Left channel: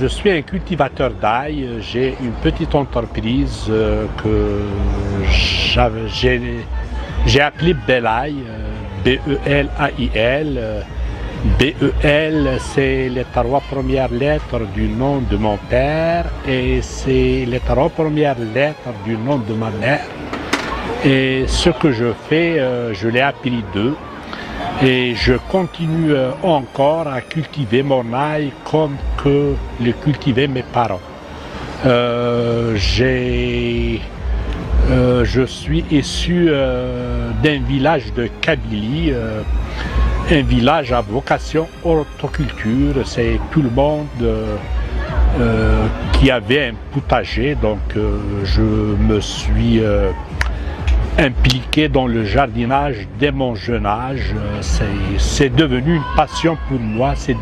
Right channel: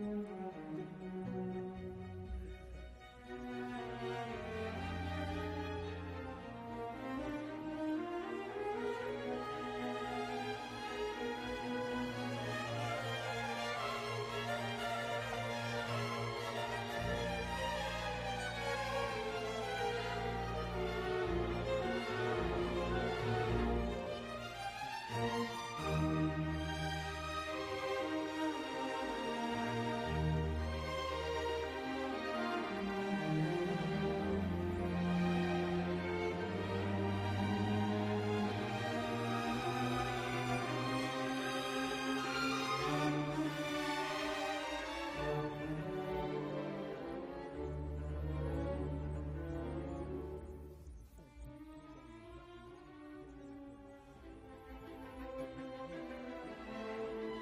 Je suis un cultivateur d'ail. J'ai une petite entreprise que j'ai appelée Belail, B-E-L-A-I-L. B-E-L, c'est les trois premières lettres du nom de mon père et c'est les trois premières lettres du nom de ma mère. Et ce que je fais, je l'ai appris d'eux. Et je continue encore à cultiver mon ail comme que le cultivaient mes parents. Je suis issu d'un village de Kabylie, un village à vocation horticulture. C'est tout le monde qui avait un potager, donc je me suis impliqué dans le jardinage dès mon jeune âge. C'est devenu une passion pour moi.